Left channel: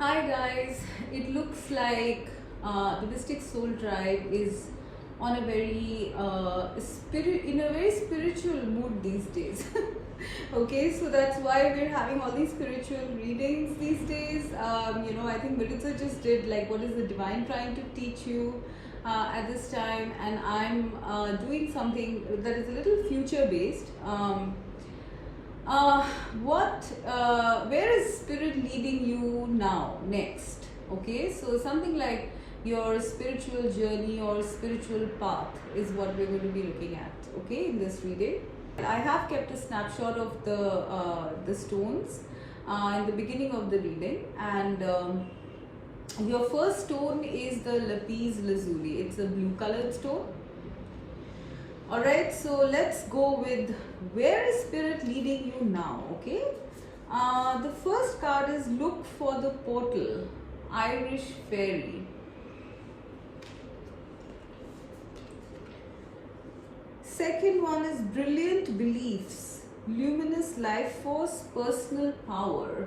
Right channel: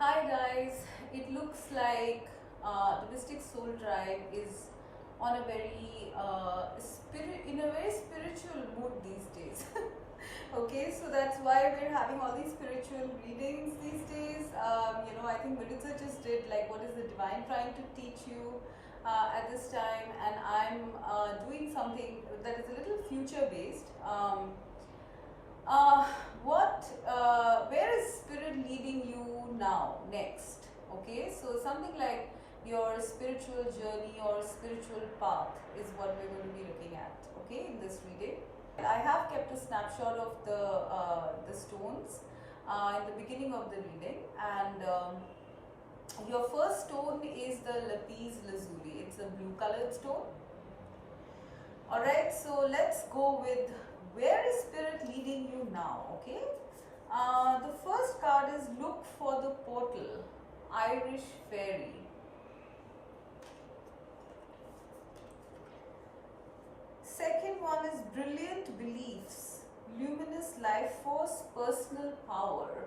Hi guys, it looks like the Mystic Soul Tribe is on a very in a very spiritual mood these days. Okay, so that's why we're having all these spiritual readings these days. I think Maritza just did like what is the divine trying to teach you at this time, and I'm doing something that is a little future based. uh, where is spirit leading you now next? Okay, so something like your spiritual journey or spiritual path is what we're going to be looking at, okay, in this reading. I have kept a snapshot of the stones in the beginning of the reading, and your first stone is the Lapis Lazuli. It's a blue colored stone. Alright, so let's go with where is spirit leading you now, okay? The first card is look for the portal, Irish fairy. Second one is brilliant beliefs, luminous life force, personal power.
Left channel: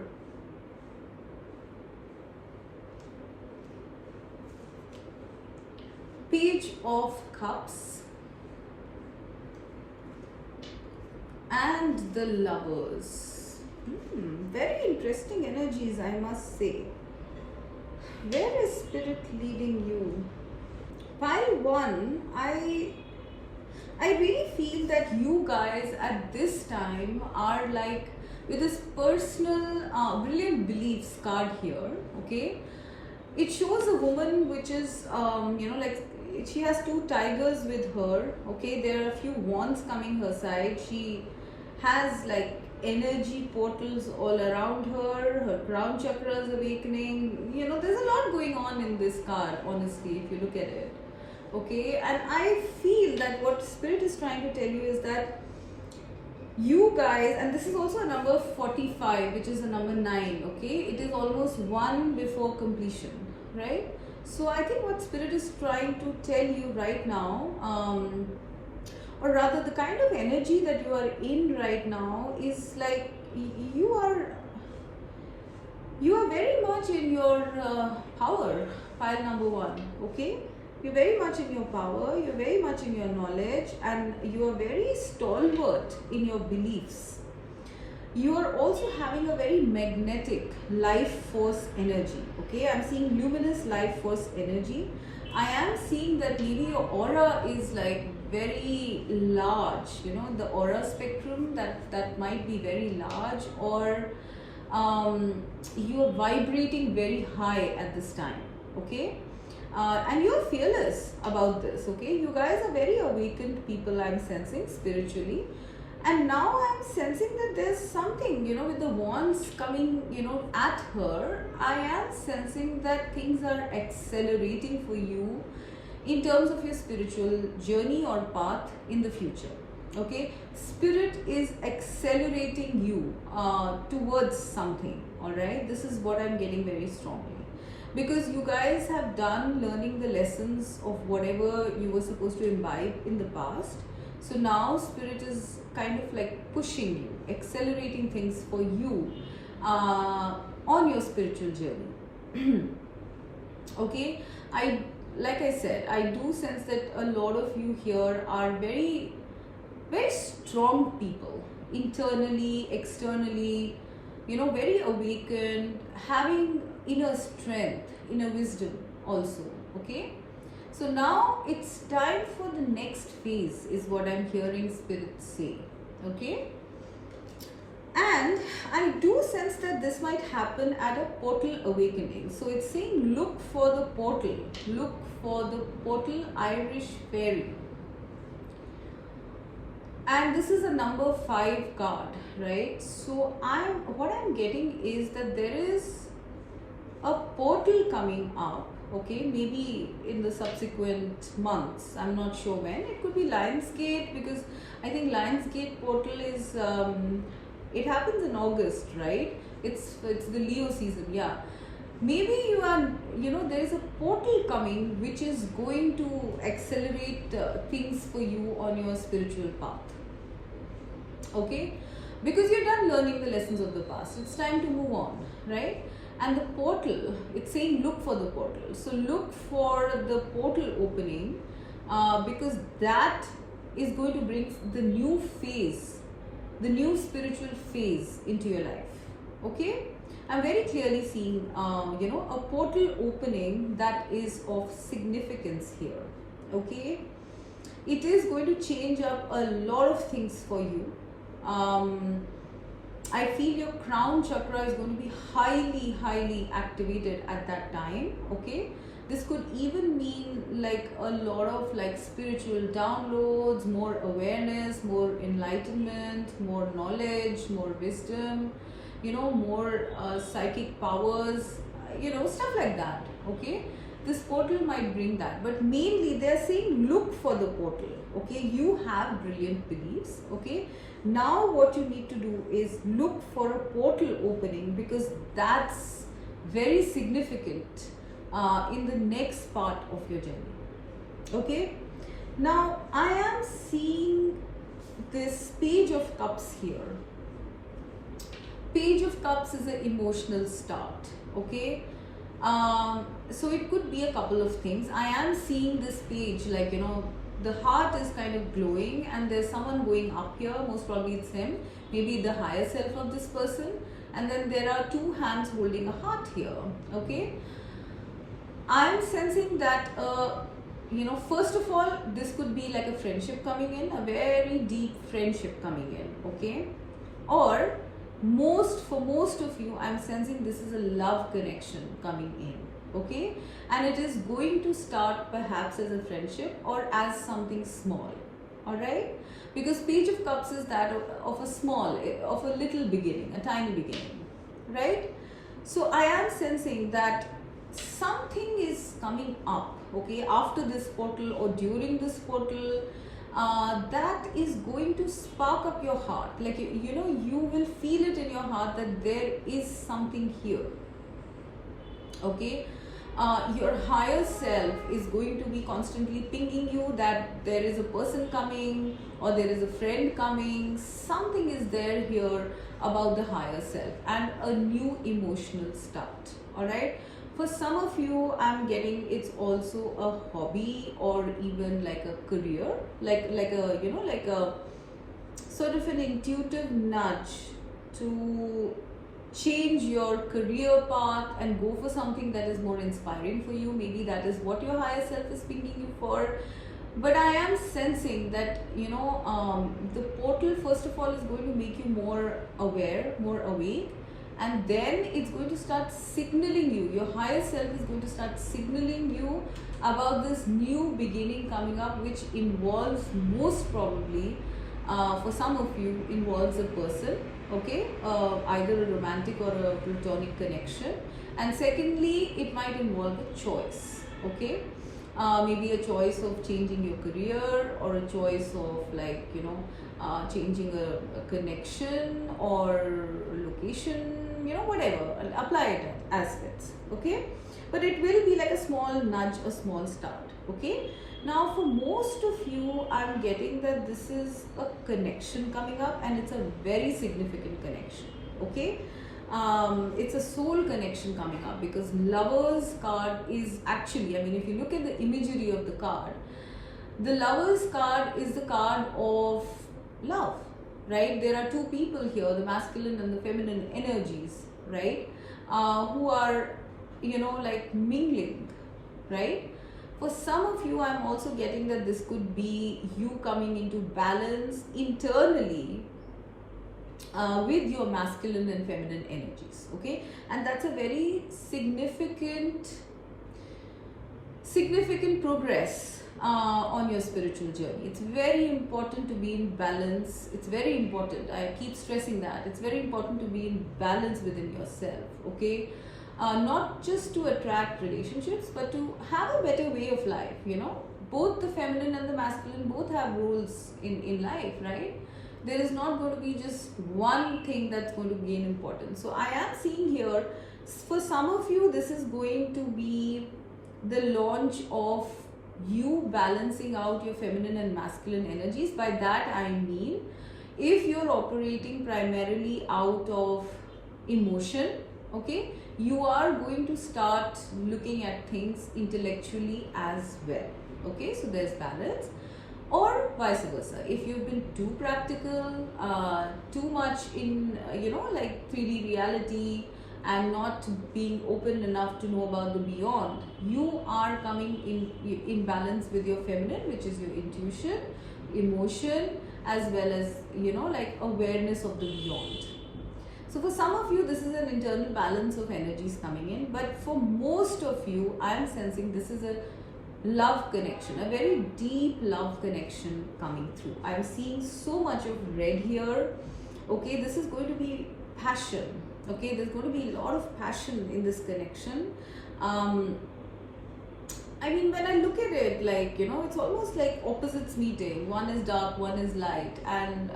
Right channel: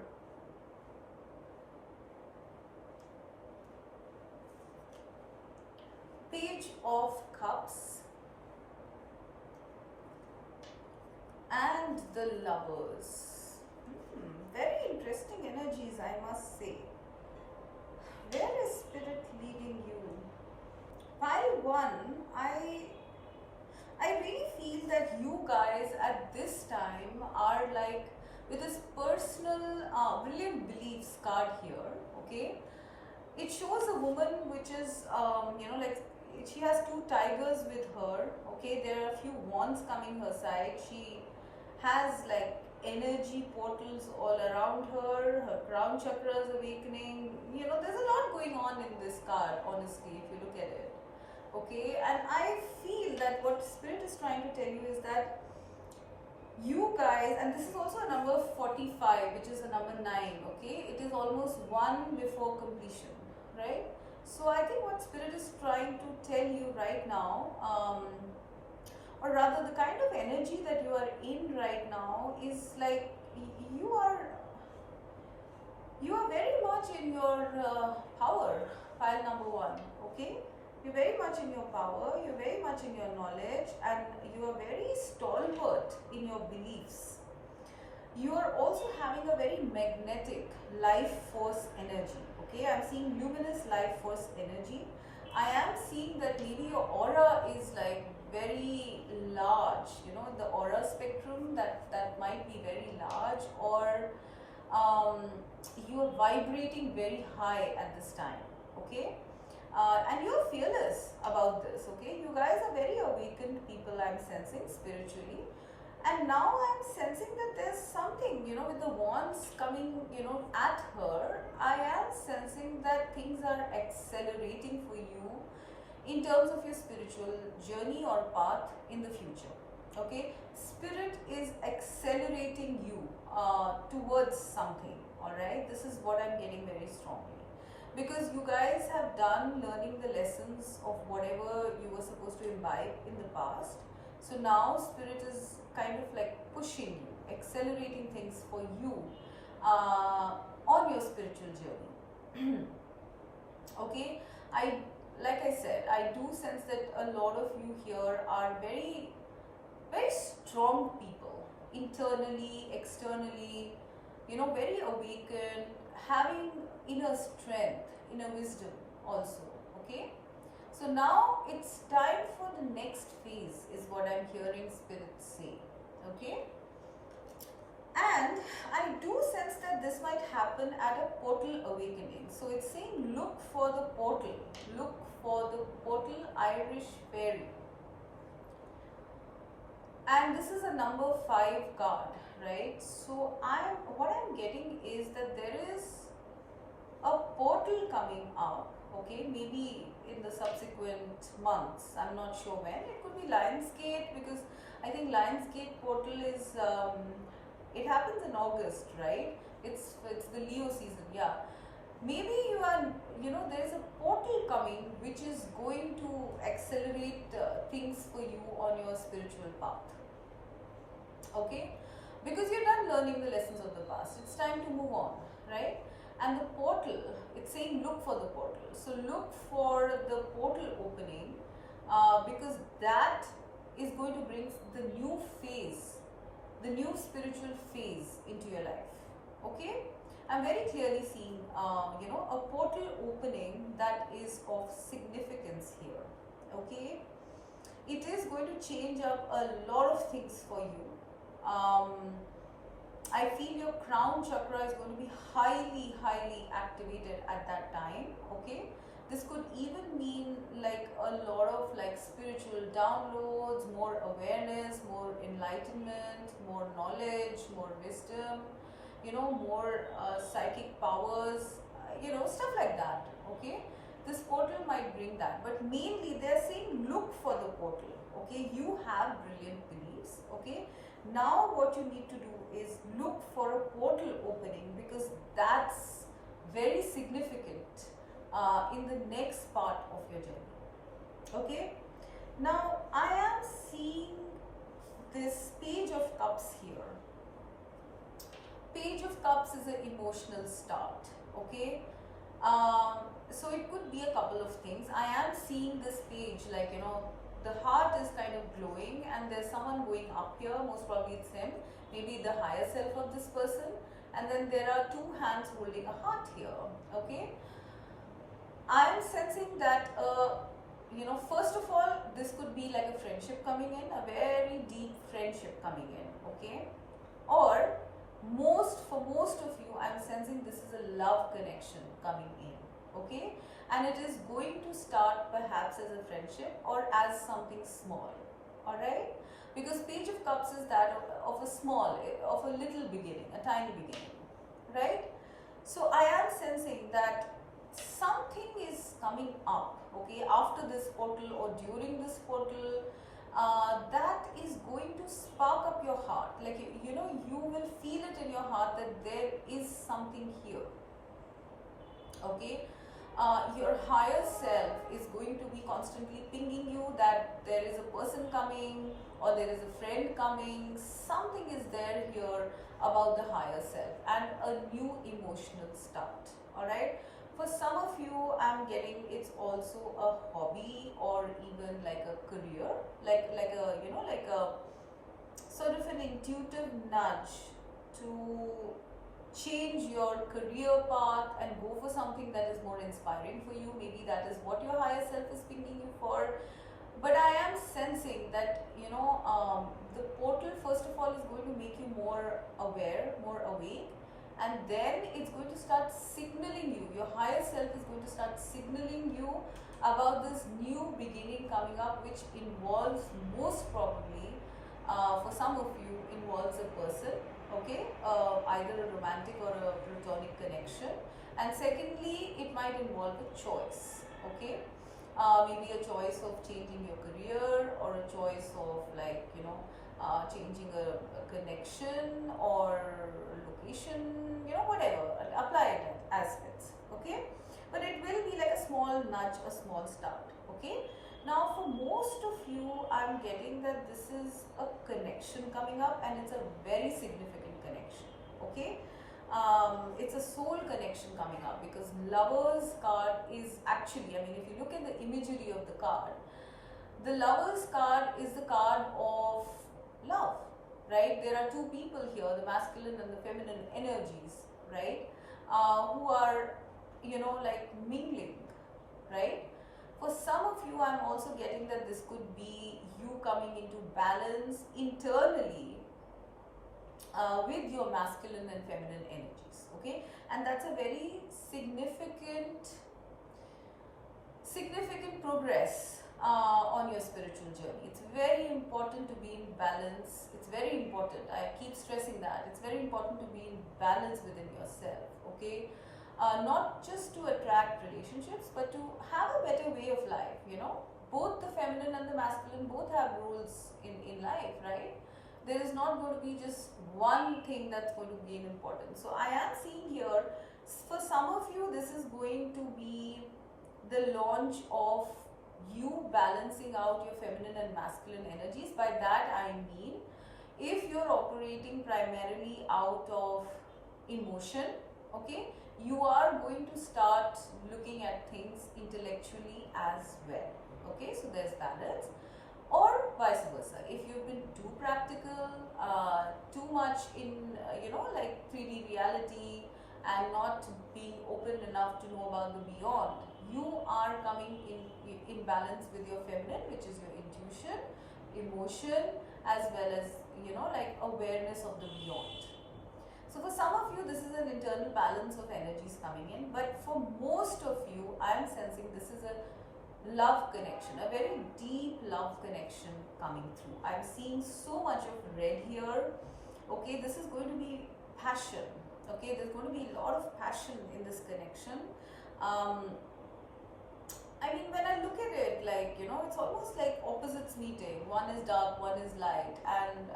Page of Cups and the Lovers. Very interesting energies, I must say. Where is spirit leading you? Pile 1, I really feel that you guys at this time are like with this personal brilliant beliefs card here, okay? It shows a woman which is like she has two tigers with her, okay? There are a few wands coming her side. She has like energy portals all around her crown chakra is awakening. There's a lot going on in this card, honestly, if you look at it, okay? And I feel that what spirit is trying to tell you is that you guys, and this is also a number 45, which is a number 9, okay? It is almost one before completion, right? So I think what spirit is trying to tell you right now, or rather the kind of energy that you are in right now is like you are very much in your power, pile number 1, okay? You're very much in your power, you're very much in your knowledge, and you are very stalwart in your beliefs. You are also having a very magnetic life force energy, okay? I'm seeing luminous life force energy. I am seeing that maybe your aura is like very large, the aura spectrum that might be very large, or you are vibrating very high at this time, okay? And you're fearless about this, okay? You guys are very awakened people, I'm sensing spiritually. And now I'm sensing that there's something, with the wands coming, at her, I am sensing that things are accelerating for you in terms of your spiritual journey or path in the future, okay? Spirit is accelerating you towards something, all right? This is what I'm getting very strongly. Because you guys have done learning the lessons of whatever you were supposed to imbibe in the past. So now spirit is kind of like pushing you, accelerating things for you on your spiritual journey. Okay, like I said, I do sense that a lot of you here are very, very strong people, internally, externally, very awakened, having inner strength, inner wisdom also, okay? So now it's time for the next phase is what I'm hearing spirit say, okay? And I do sense that this might happen at a portal awakening. So it's saying look for the portal, Irish fairy. And this is a number 5 card, right? So what I'm getting is that there is a portal coming up, okay? Maybe in the subsequent months, I'm not sure when. It could be Lionsgate, because I think Lionsgate portal is it happens in August, right? It's the Leo season, yeah. Maybe you are, there is a portal coming which is going to accelerate things for you on your spiritual path, okay? Because you're done learning the lessons of the past. It's time to move on, right? And the portal, it's saying look for the portal. So look for the portal opening, because that is going to bring the new phase, the new spiritual phase into your life. Okay, I'm very clearly seeing a portal opening that is of significance here. Okay, it is going to change up a lot of things for you. I feel your crown chakra is going to be highly activated at that time. Okay, this could even mean like a lot of like spiritual downloads, more awareness, more enlightenment, more knowledge, more wisdom, more psychic powers, stuff like that. Okay, this portal might bring that, but mainly they're saying look for the portal. Okay, you have brilliant beliefs. Okay, now what you need to do is look for a portal opening, because that's very significant in the next part of your journey. Okay, now I am seeing this Page of Cups here. Page of Cups is an emotional start. Okay, so it could be a couple of things. I am seeing this page like, the heart is kind of glowing and there's someone going up here. Most probably it's him, maybe the higher self of this person, and then there are two hands holding a heart here. Okay, I am sensing that first of all, this could be like a friendship coming in, a very deep friendship coming in. Okay, or for most of you, I'm sensing this is a love connection coming in. Okay, and it is going to start perhaps as a friendship or as something small. All right, because Page of Cups is that of a little beginning, a tiny beginning, right? So I am sensing that something is coming up. Okay, after this portal or during this portal, that is going to spark up your heart. Like, you will feel it in your heart that there is something here. Okay, your higher self is going to be constantly pinging you that there is a person coming or there is a friend coming. Something is there here about the higher self and a new emotional start. All right, for some of you, I'm getting it's also a hobby or even like a career, like a sort of an intuitive nudge to change your career path and go for something that is more inspiring for you. Maybe that is what your higher self is pinging you for. But I am sensing that the portal first of all is going to make you more aware, more awake, and then it's going to start signaling you. Your higher self is going to start signaling you about this new beginning coming up, which involves most probably for some of you involves a person. Okay, either a romantic or a platonic connection, and secondly it might involve a choice. Okay, maybe a choice of changing your career or a choice of like changing a connection or location, whatever, apply it as fits. Okay, but it will be like a small nudge, a small start. Okay, now for most of you, I'm getting that this is a connection coming up and it's a very significant connection. Okay, it's a soul connection coming up, because Lovers card is actually, if you look at the imagery of the card, the Lovers card is the card of love, right? There are two people here, the masculine and the feminine energies, right? Who are, like mingling, right? For some of you, I'm also getting that this could be you coming into balance internally with your masculine and feminine energies. Okay, and that's a very significant progress on your spiritual journey. It's very important to be in balance. It's very important. I keep stressing that. It's very important to be in balance within yourself. Okay, not just to attract relationships, but to have a better way of life. Both the feminine and the masculine both have roles in life, right? There is not going to be just one thing that's going to gain importance. So I am seeing here, for some of you, this is going to be the launch of you balancing out your feminine and masculine energies. By that I mean, if you're operating primarily out of emotion, okay, you are going to start looking at things intellectually as well. Okay, so there's balance. Or vice versa, if you've been too practical, too much in like 3D reality, and not being open enough to know about the beyond, you are coming in balance with your feminine, which is your intuition, emotion, as well as like awareness of the beyond. So for some of you, this is an internal balance of energies coming in, but for most of you, I am sensing this is a love connection, a very deep love connection coming through. I'm seeing so much of red here. Okay, this is going to be passion. Okay, there's going to be a lot of passion in this connection. I mean, when I look at it, like, it's almost like opposites meeting. One is dark, one is light, and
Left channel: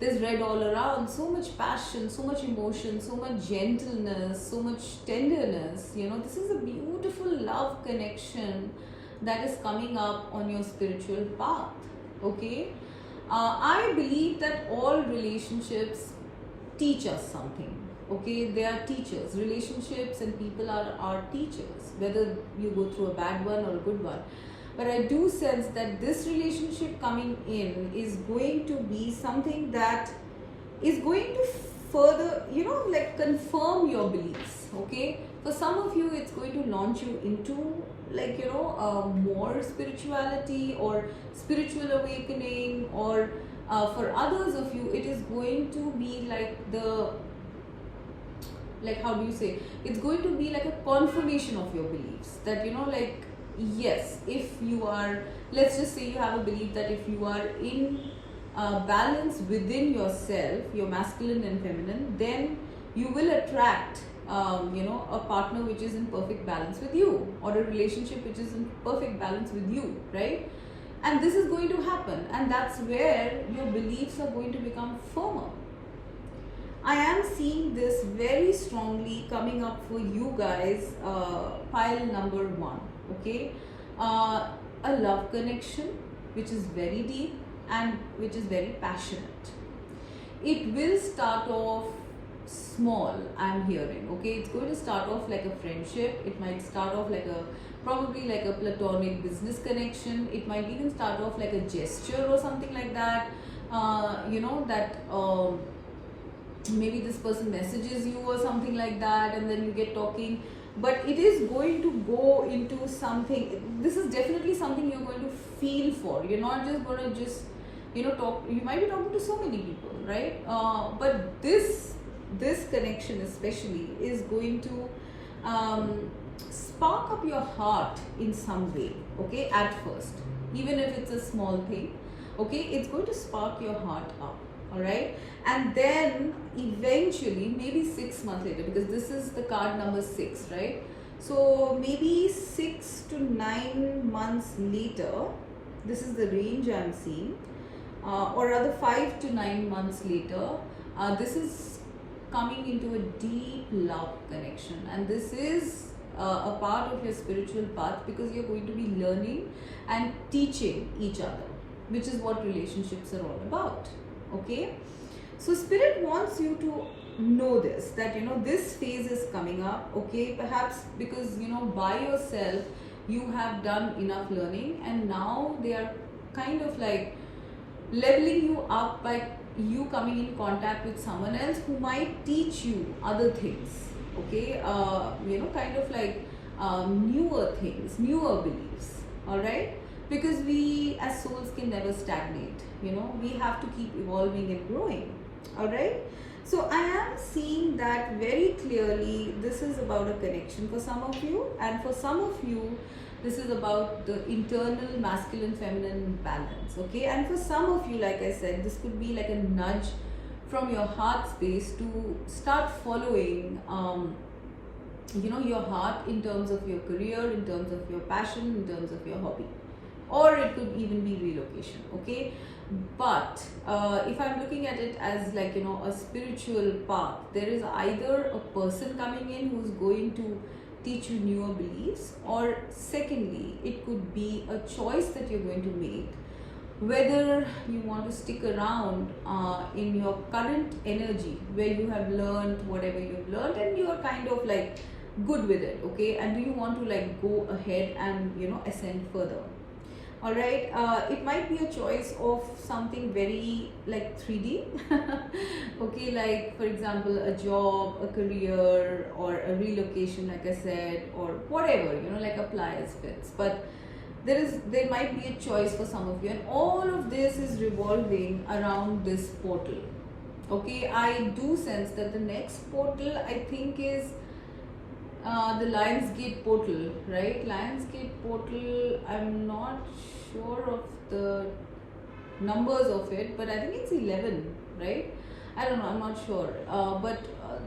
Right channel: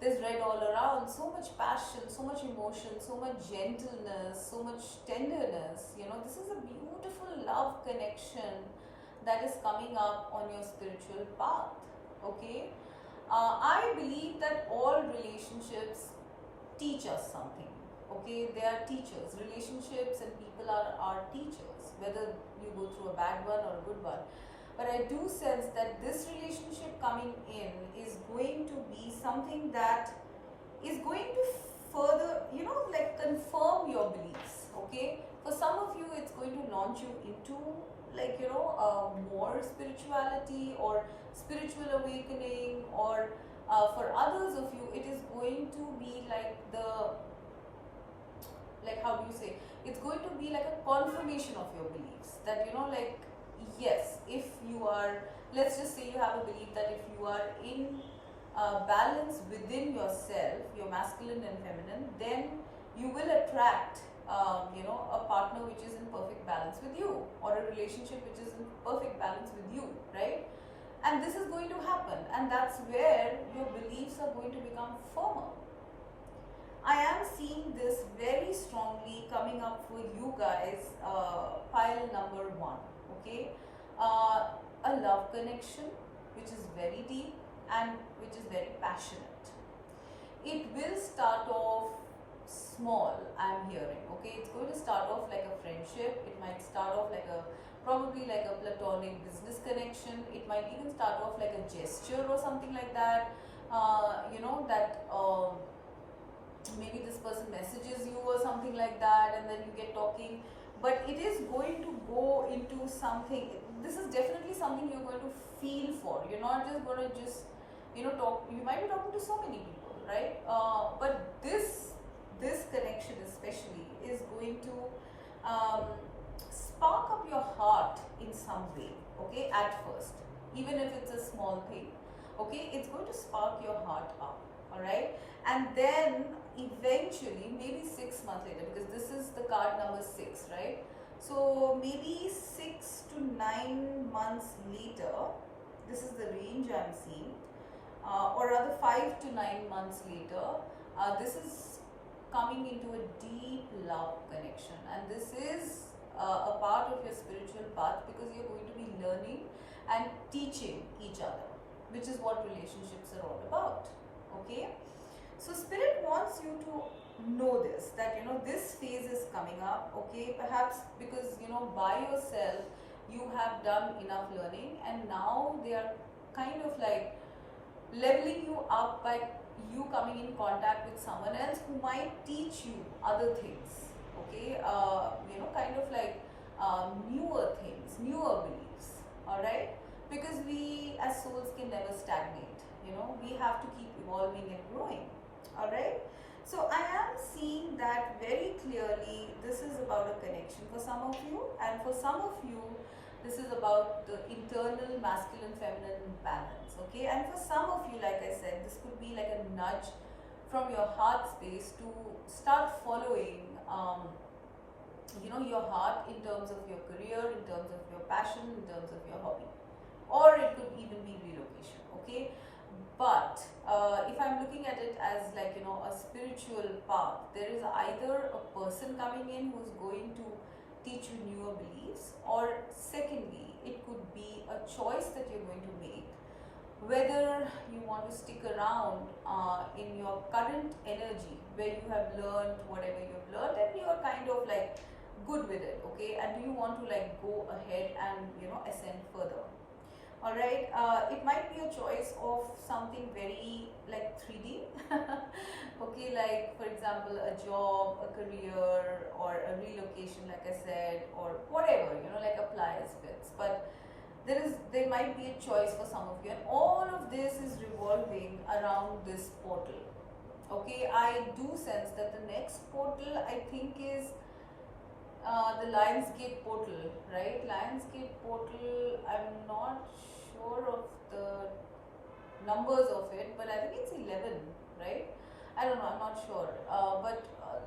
there's red all around. So much passion, so much emotion, so much gentleness, so much tenderness. This is a beautiful love connection that is coming up on your spiritual path. Okay, I believe that all relationships teach us something. Okay, they are teachers. Relationships and people are teachers, whether you go through a bad one or a good one. But I do sense that this relationship coming in is going to be something that is going to further, like confirm your beliefs. Okay, for some of you, it's going to launch you into like, more spirituality or spiritual awakening, or for others of you, it is going to be like how do you say, it's going to be like a confirmation of your beliefs, that like, yes, if you are, let's just say you have a belief that if you are in balance within yourself, your masculine and feminine, then you will attract a partner which is in perfect balance with you, or a relationship which is in perfect balance with you, right? And this is going to happen, and that's where your beliefs are going to become firmer. I am seeing this very strongly coming up for you guys, pile number 1. Okay, a love connection which is very deep and which is very passionate. It will start off small, I'm hearing. Okay, it's going to start off like a friendship. It might start off like probably like a platonic business connection. It might even start off like a gesture or something like that. Maybe this person messages you or something like that, and then you get talking. But it is going to go into something. This is definitely something you're going to feel for. You're not just going to talk. You might be talking to so many people, right? But this connection especially is going to spark up your heart in some way. Okay, at first, even if it's a small thing. Okay, it's going to spark your heart up. All right, and then eventually, maybe 6 months later, because this is the card number 6, right? So maybe 6 to 9 months later, this is the range I'm seeing, or rather 5 to 9 months later, this is coming into a deep love connection, and this is a part of your spiritual path, because you're going to be learning and teaching each other, which is what relationships are all about. Okay, so spirit wants you to know this, that this phase is coming up. Okay, perhaps because by yourself you have done enough learning, and now they are kind of like leveling you up by you coming in contact with someone else who might teach you other things. Okay, kind of like newer things, newer beliefs. All right, because we as souls can never stagnate. We have to keep evolving and growing. All right, so I am seeing that very clearly. This is about a connection for some of you, and for some of you this is about the internal masculine feminine balance. Okay, and for some of you, like I said, this could be like a nudge from your heart space to start following your heart in terms of your career, in terms of your passion, in terms of your hobby, or it could even be relocation. Okay, but if I'm looking at it as like a spiritual path, there is either a person coming in who's going to teach you newer beliefs, or secondly, it could be a choice that you're going to make whether you want to stick around in your current energy where you have learned whatever you've learned and you are kind of like good with it, okay, and do you want to like go ahead and ascend further. All right, it might be a choice of something very like 3D. Okay, like for example a job, a career, or a relocation like I said, or whatever, like apply as fits. But there might be a choice for some of you, and all of this is revolving around this portal. Okay, I do sense that the next portal I think is the Lionsgate portal, right? Lionsgate portal, I'm not sure of the numbers of it, but I think it's 11, right? I don't know, I'm not sure. But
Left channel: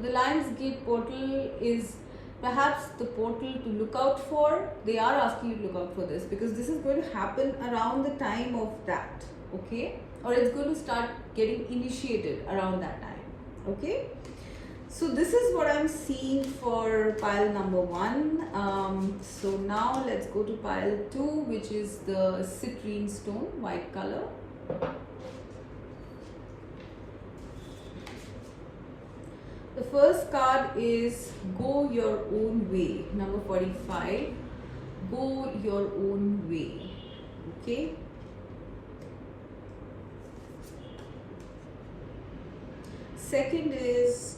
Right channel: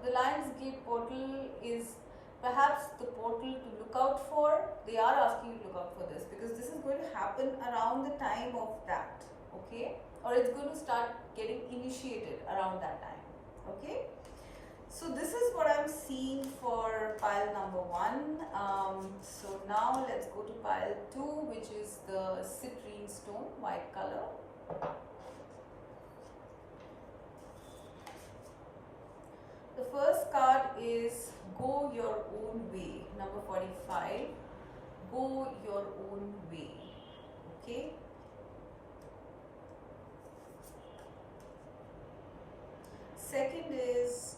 the Lionsgate portal is perhaps the portal to look out for. They are asking you to look out for this because this is going to happen around the time of that, okay? Or it's going to start getting initiated around that time, okay? So this is what I'm seeing for pile number 1. So now let's go to pile 2, which is the citrine stone, white color. The first card is Go Your Own Way, number 45. Go your own way, okay? Second is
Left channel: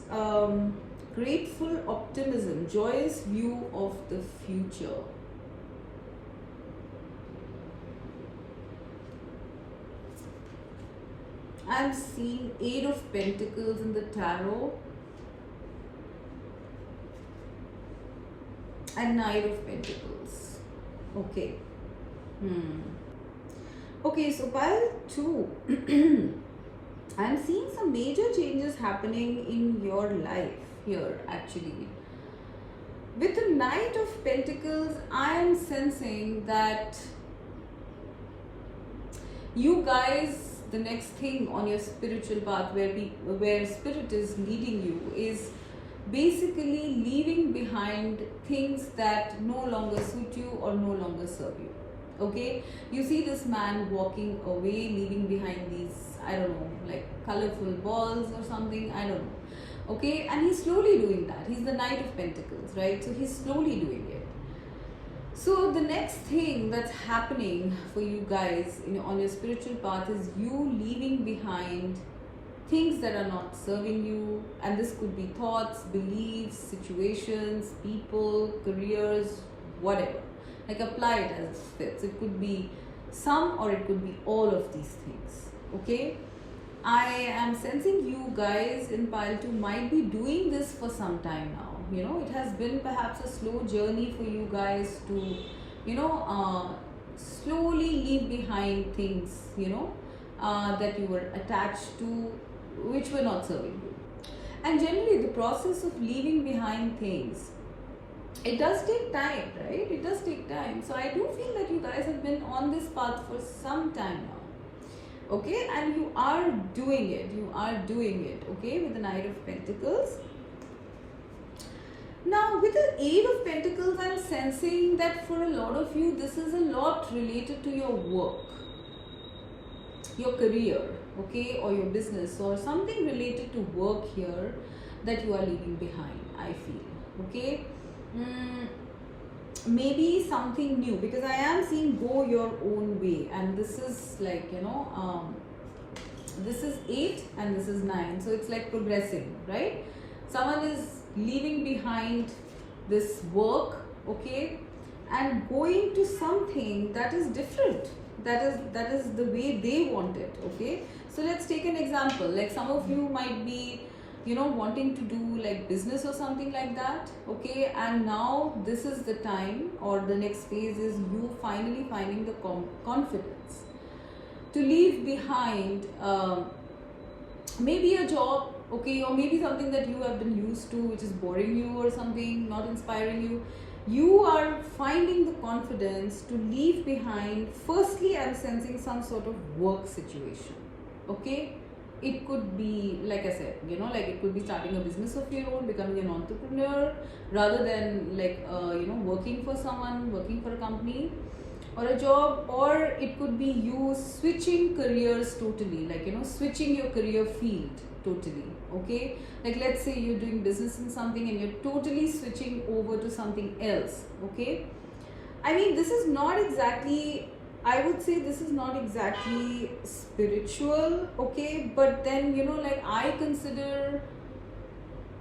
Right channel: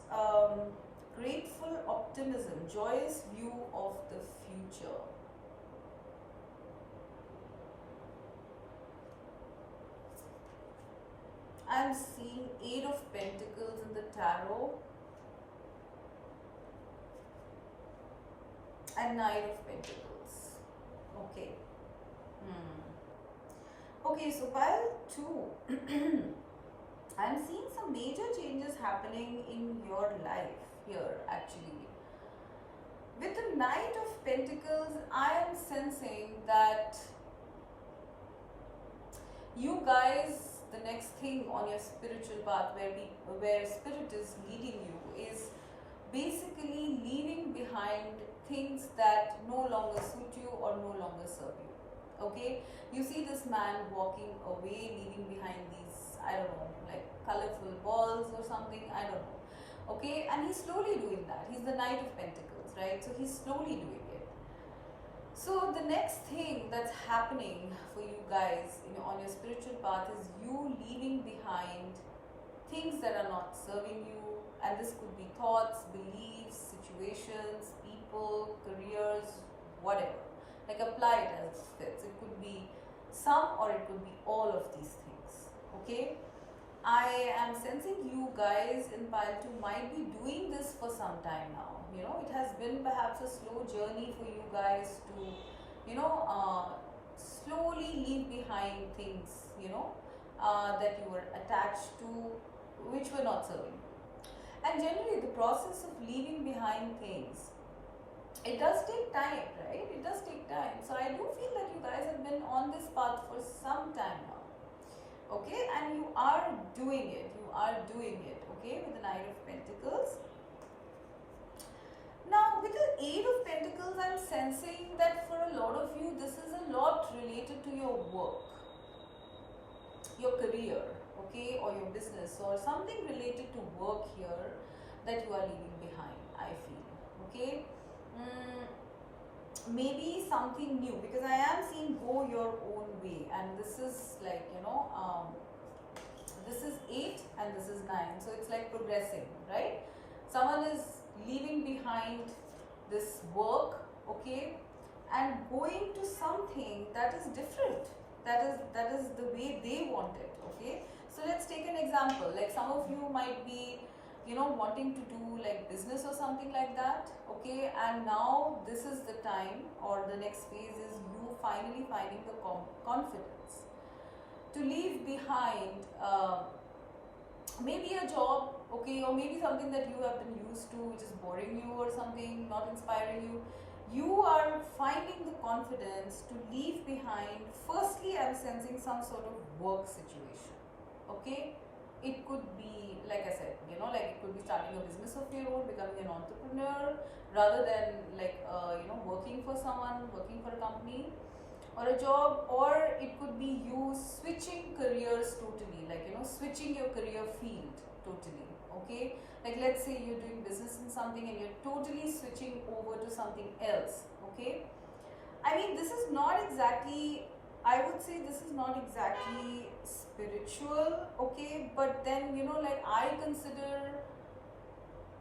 grateful optimism, joyous view of the future. I'm seeing 8 of Pentacles in the tarot and 9 of Pentacles. Okay. Okay, so pile 2. I'm seeing some major changes happening in your life here actually. With the Knight of Pentacles, I am sensing that you guys, the next thing on your spiritual path where spirit is leading you is basically leaving behind things that no longer suit you or no longer serve you. Okay, you see this man walking away, leaving behind these, I don't know, like colorful balls or something, I don't know. Okay, and he's slowly doing that. He's the Knight of Pentacles, right? So he's slowly doing it. So the next thing that's happening for you guys on your spiritual path is you leaving behind things that are not serving you, and this could be thoughts, beliefs, situations, people, careers, whatever. Like apply it as it fits. It could be some or it could be all of these things, okay? I am sensing you guys in pile 2 might be doing this for some time now. It has been perhaps a slow journey for you guys to, slowly leave behind things, that you were attached to, which were not serving you. And generally the process of leaving behind things, it does take time, right? It does take time. So I do feel that you guys have been on this path for some time now. Okay, and you are doing it. Okay, with the Knight of Pentacles. Now with the 8 of Pentacles, I'm sensing that for a lot of you, this is a lot related to your work, your career, okay, or your business, or something related to work here that you are leaving behind, I feel, okay. Maybe something new, because I am seeing go your own way, and this is like, this is 8 and this is 9, so it's like progressing, right? Someone is leaving behind this work, okay, and going to something that is different, that is the way they want it, okay. So let's take an example. Like some of you might be wanting to do like business or something like that, okay, and now this is the time, or the next phase is you finally finding the confidence to leave behind maybe a job, okay, or maybe something that you have been used to, which is boring you or something, not inspiring you. You are finding the confidence to leave behind. Firstly, I'm sensing some sort of work situation, okay. It could be, like I said, like it could be starting a business of your own, becoming an entrepreneur, rather than like, working for someone, working for a company. or a job, or it could be you switching careers totally, like switching your career field totally. Okay, like let's say you're doing business in something and you're totally switching over to something else. Okay, I mean, this is not exactly, I would say this is not exactly spiritual. Okay, but then like I consider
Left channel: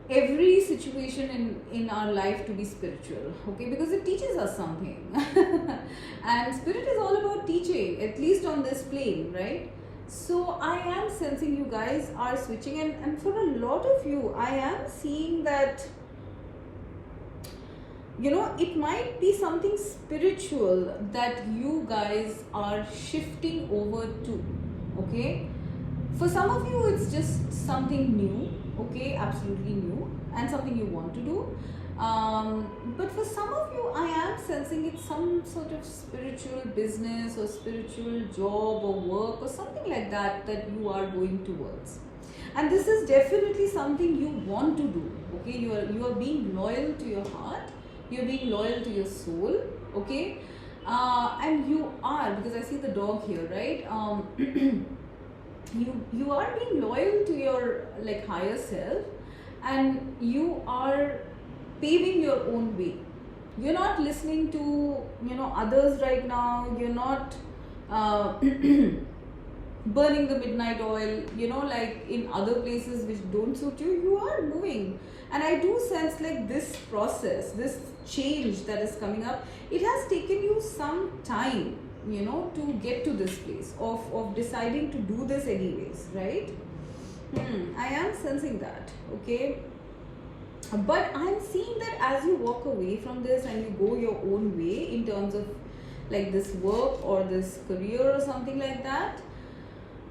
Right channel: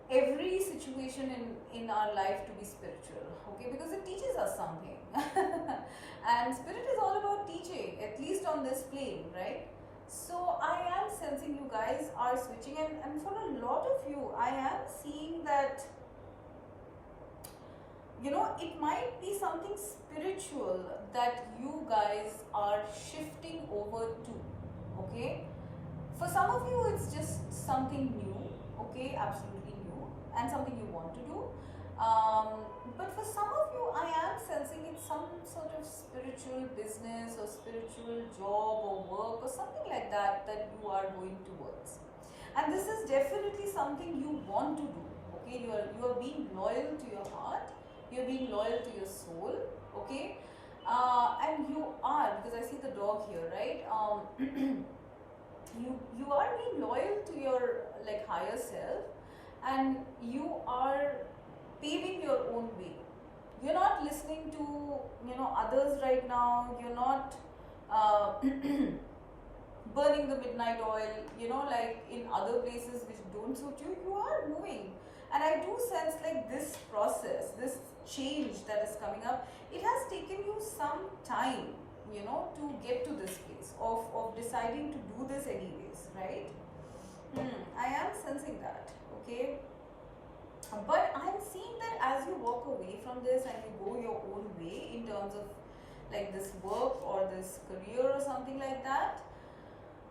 every situation in our life to be spiritual. Okay, because it teaches us something. And spirit is all about teaching, at least on this plane, right? So I am sensing you guys are switching, and for a lot of you I am seeing that it might be something spiritual that you guys are shifting over to. Okay, for some of you it's just something new. Okay, absolutely new, and something you want to do. But for some of you I am sensing it's some sort of spiritual business or spiritual job or work or something like that you are going towards, and this is definitely something you want to do. Okay, you are being loyal to your heart, you're being loyal to your soul. Okay, and you are, because I see the dog here, right? You are being loyal to your like higher self, and you are paving your own way. You're not listening to others right now. You're not burning the midnight oil, like in other places which don't suit you. You are moving, and I do sense like this process, this change that is coming up, it has taken you some time to get to this place of deciding to do this anyways, right? I am sensing that. Okay, but I'm seeing that as you walk away from this and you go your own way in terms of like this work or this career or something like that,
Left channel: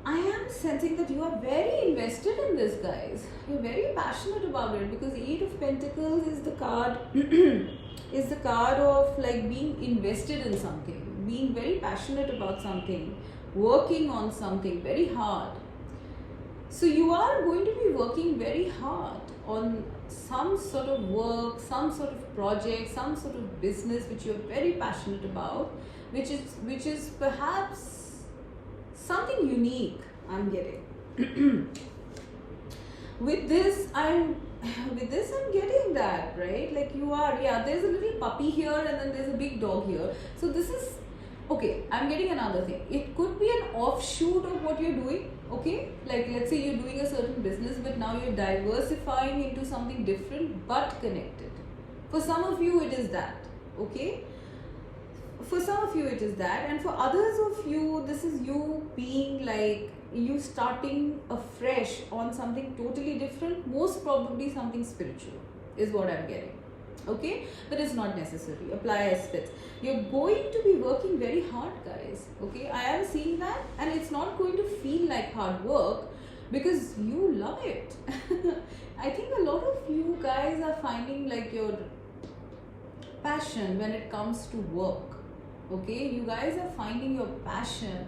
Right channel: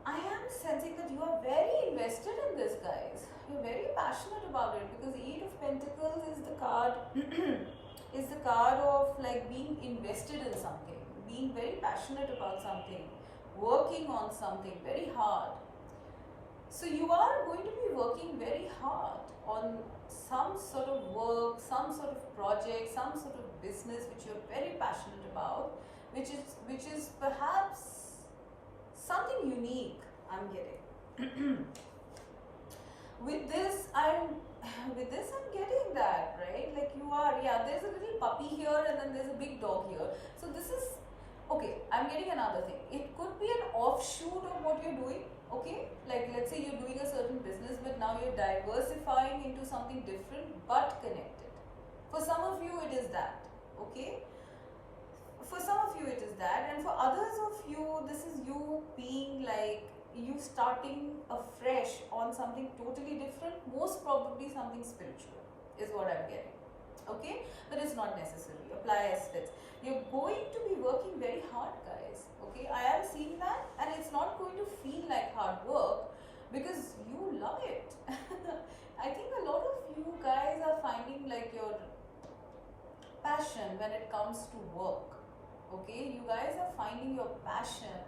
I am sensing that you are very invested in this, guys. You're very passionate about it, because Eight of Pentacles is the card is the card of like being invested in something, being very passionate about something, working on something very hard. So you are going to be working very hard on some sort of work, some sort of project, some sort of business which you're very passionate about, which is perhaps something unique, I'm getting. with this I'm getting that, right? Like you are, yeah, there's a little puppy here and then there's a big dog here. So this is okay. I'm getting another thing. It could be an offshoot of what you're doing. Okay, like let's say you're doing a certain business, but now you're diversifying into something different but connected. For some of you it is that. Okay, for some of you it is that, and for others of you this is you being like, you starting afresh on something totally different, most probably something spiritual is what I'm getting. Okay, but it's not necessary, apply as fits. You're going to be working very hard, guys. Okay, I am seeing that, and it's not going to feel like hard work because you love it. I think a lot of you guys are finding like your passion when it comes to work. Okay, you guys are finding your passion,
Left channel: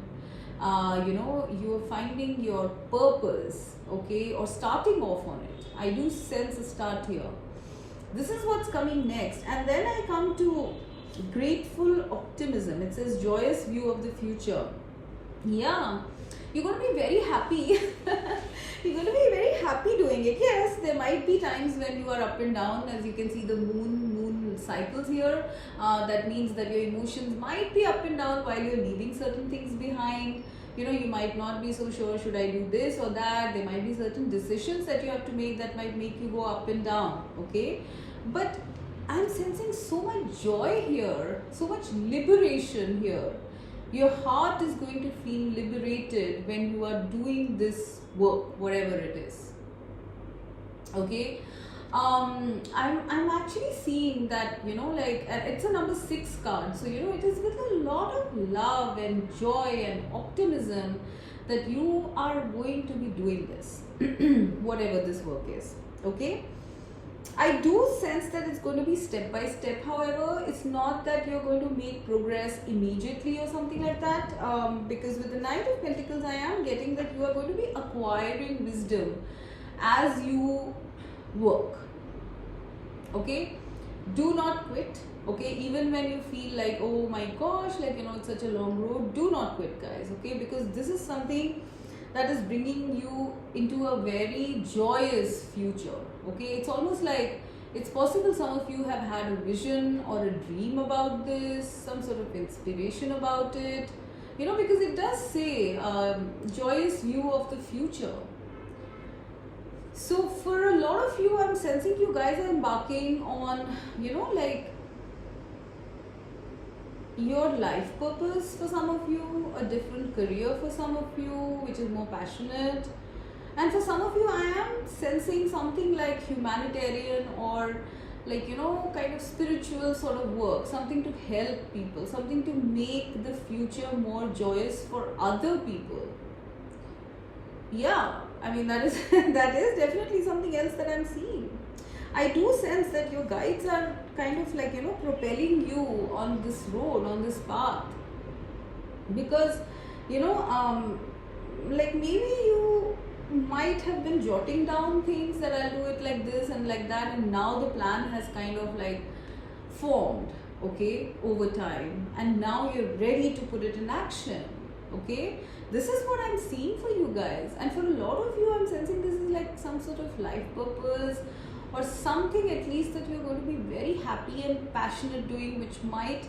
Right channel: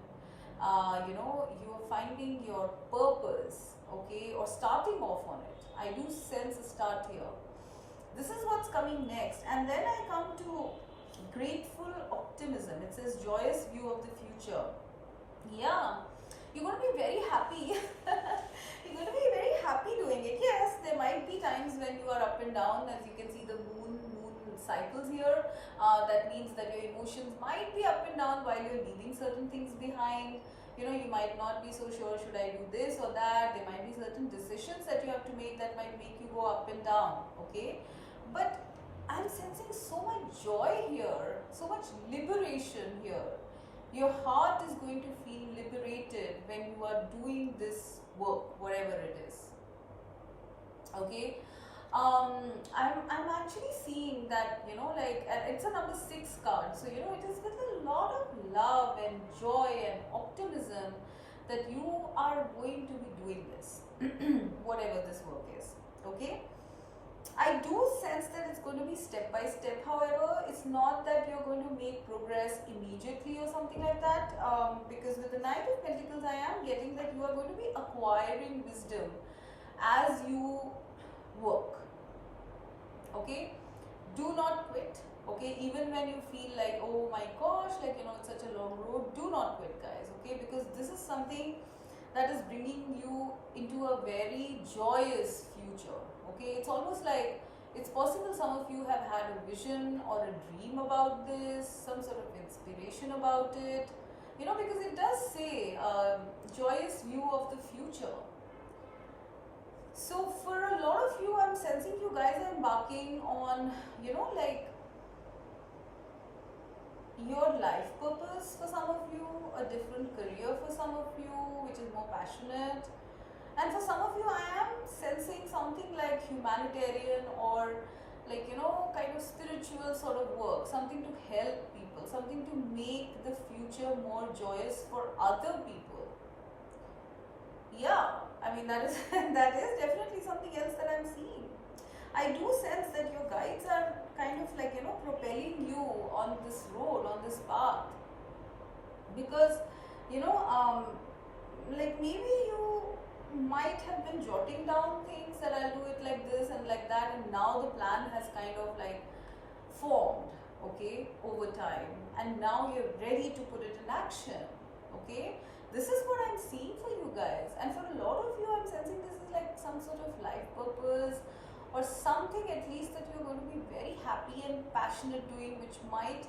you're finding your purpose. Okay, or starting off on it. I do sense a start here. This is what's coming next, and then I come to grateful optimism. It says joyous view of the future. Yeah, you're going to be very happy. You're going to be very happy doing it. Yes, there might be times when you are up and down, as you can see the moon cycles here. That means that your emotions might be up and down while you're leaving certain things behind. You might not be so sure, should I do this or that? There might be certain decisions that you have to make that might make you go up and down. Okay, but I'm sensing so much joy here, so much liberation here. Your heart is going to feel liberated when you are doing this work, whatever it is. Okay, I'm actually seeing that, like, and it's a number 6 card, so it is with a lot of love and joy and optimism that you are going to be doing this, whatever this work is. Okay, I do sense that it's going to be step by step. However, it's not that you're going to make progress immediately or something like that, because with the Knight of Pentacles I am getting that you are going to be acquiring wisdom as you work. Okay, do not quit. Okay, even when you feel like, oh my gosh, like, you know, it's such a long road, do not quit, guys. Okay, because this is something that is bringing you into a very joyous future. Okay, it's almost like it's possible some of you have had a vision or a dream about this, some sort of inspiration about it, you know, because it does say joyous view of the future. So for a lot of you, I'm sensing you guys are embarking on, you know, like your life purpose for some of you, a different career for some of you, which is more passionate. And for some of you, I am sensing something like humanitarian or like, you know, kind of spiritual sort of work, something to help people, something to make the future more joyous for other people. Yeah, I mean, that is that is definitely something else that I'm seeing. I do sense that your guides are kind of like, you know, propelling you on this road, on this path. Because, you know, like maybe you might have been jotting down things that I'll do it like this and like that, and now the plan has kind of like formed, okay, over time, and now you're ready to put it in action. Okay, this is what I'm seeing for you guys, and for a lot of you, I'm sensing this is like some sort of life purpose or something at least that you're going to be very happy and passionate doing, which might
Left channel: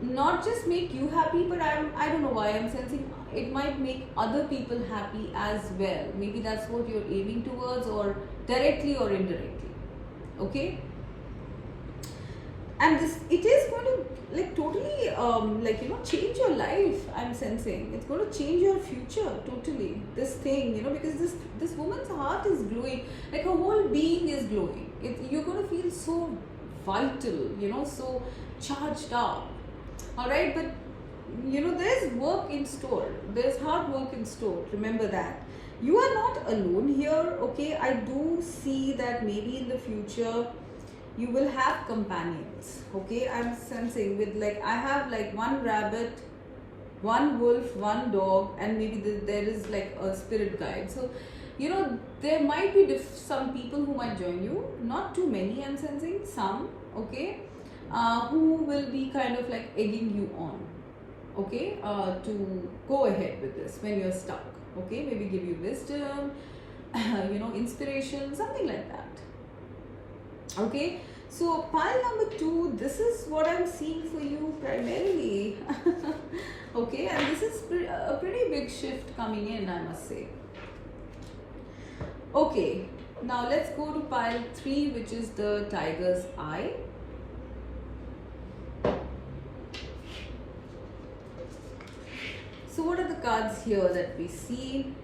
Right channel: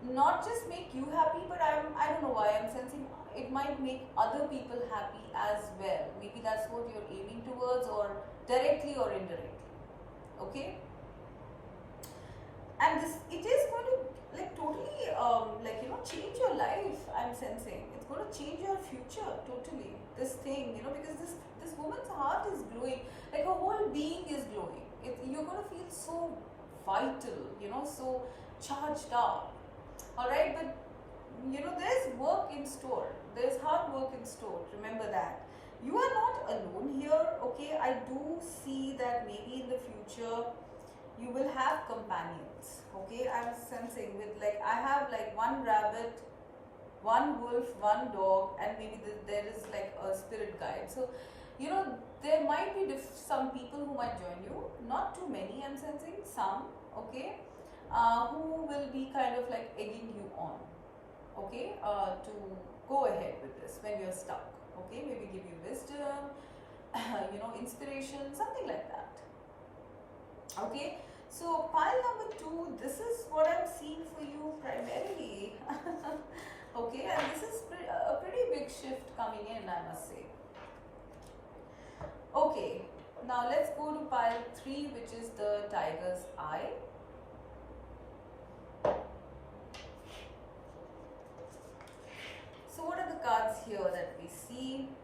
not just make you happy, but I don't know why I'm sensing it might make other people happy as well. Maybe that's what you're aiming towards, or directly or indirectly. Okay, and this, it is going to like totally like, you know, change your life. I'm sensing it's going to change your future totally, this thing, you know, because this woman's heart is glowing, like her whole being is glowing. You're going to feel so vital, you know, so charged up. All right, but you know, there's work in store, there's hard work in store. Remember that you are not alone here. Okay, I do see that maybe in the future you will have companions. Okay, I'm sensing with like, I have like one rabbit, one wolf, one dog, and maybe there is like a spirit guide. So, you know, there might be some people who might join you, not too many, I'm sensing some. Okay, who will be kind of like egging you on, okay, to go ahead with this when you're stuck. Okay, maybe give you wisdom, you know, inspiration, something like that. Okay, so pile number 2, this is what I'm seeing for you primarily. Okay, and this is a pretty big shift coming in, I must say. Okay, now let's go to pile 3, which is the tiger's eye. So what are the cards here that we see?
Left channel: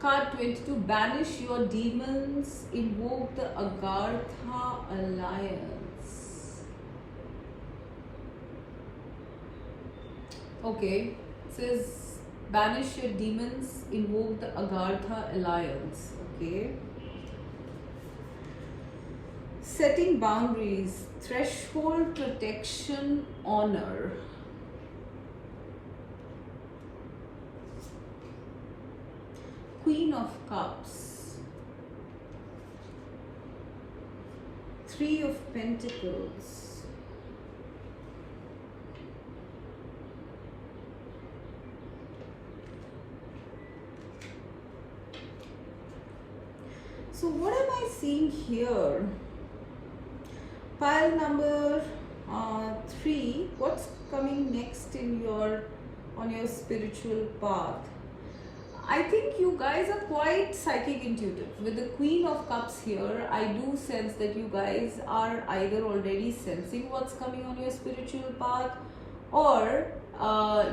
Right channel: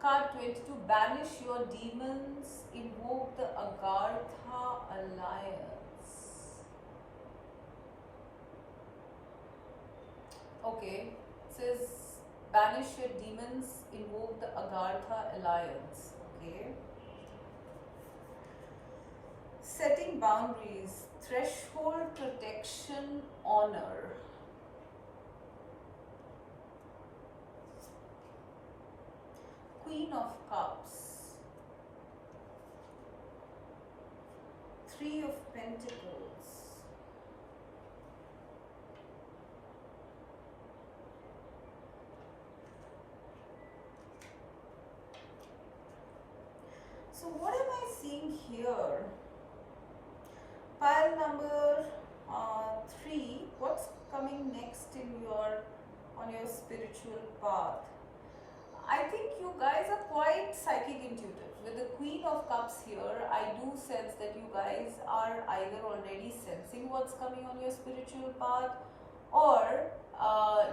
Card 22, banish your demons, invoke the Agartha Alliance. Okay, it says banish your demons, invoke the Agartha Alliance. Okay. Setting boundaries, threshold, protection, honor. Queen of Cups, 3 of Pentacles, so what am I seeing here? Pile number 3, what's coming next in on your spiritual path? I think you guys are quite psychic intuitive. With the Queen of Cups here, I do sense that you guys are either already sensing what's coming on your spiritual path, or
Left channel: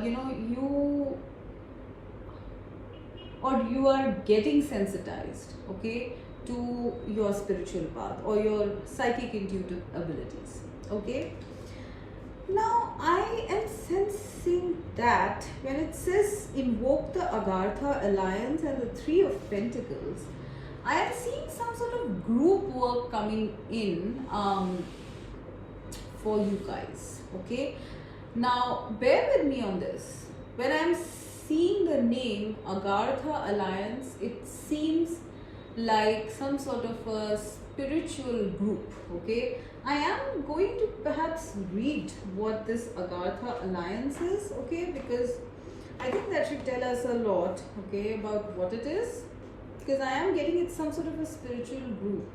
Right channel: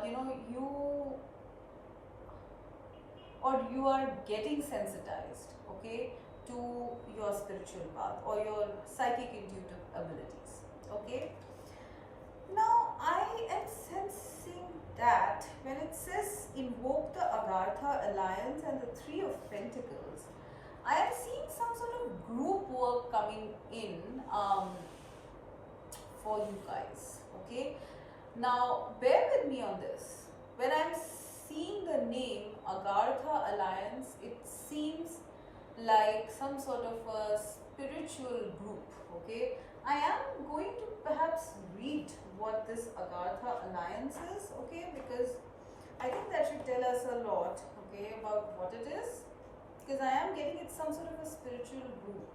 you know, you are getting sensitized, okay, to your spiritual path or your psychic intuitive abilities. Okay, now I am sensing that when it says invoke the Agartha Alliance and the 3 of Pentacles, I am seeing some sort of group work coming in for you guys. Okay, now bear with me on this. When I'm seeing the name Agartha Alliance, it seems like some sort of a spiritual group. Okay, I am going to perhaps read what this Agartha alliance is, okay, because I think that should tell us a lot, okay, about what it is, because I am getting it's some sort of a spiritual group.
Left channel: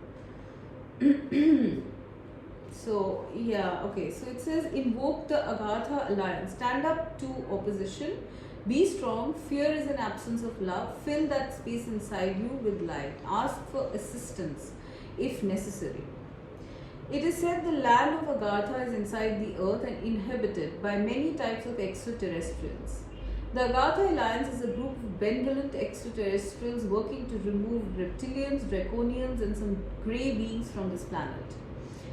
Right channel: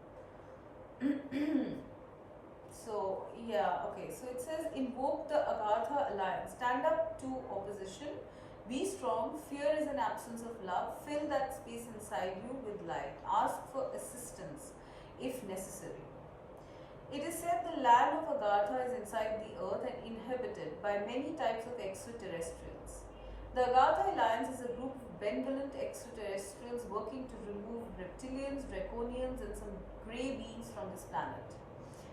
So yeah, okay, so it says invoke the Agartha alliance, stand up to opposition, be strong, fear is an absence of love, fill that space inside you with light, ask for assistance if necessary. It is said the land of Agartha is inside the earth and inhabited by many types of extraterrestrials. The Agartha Alliance is a group of benevolent extraterrestrials working to remove reptilians, draconians and some grey beings from this planet.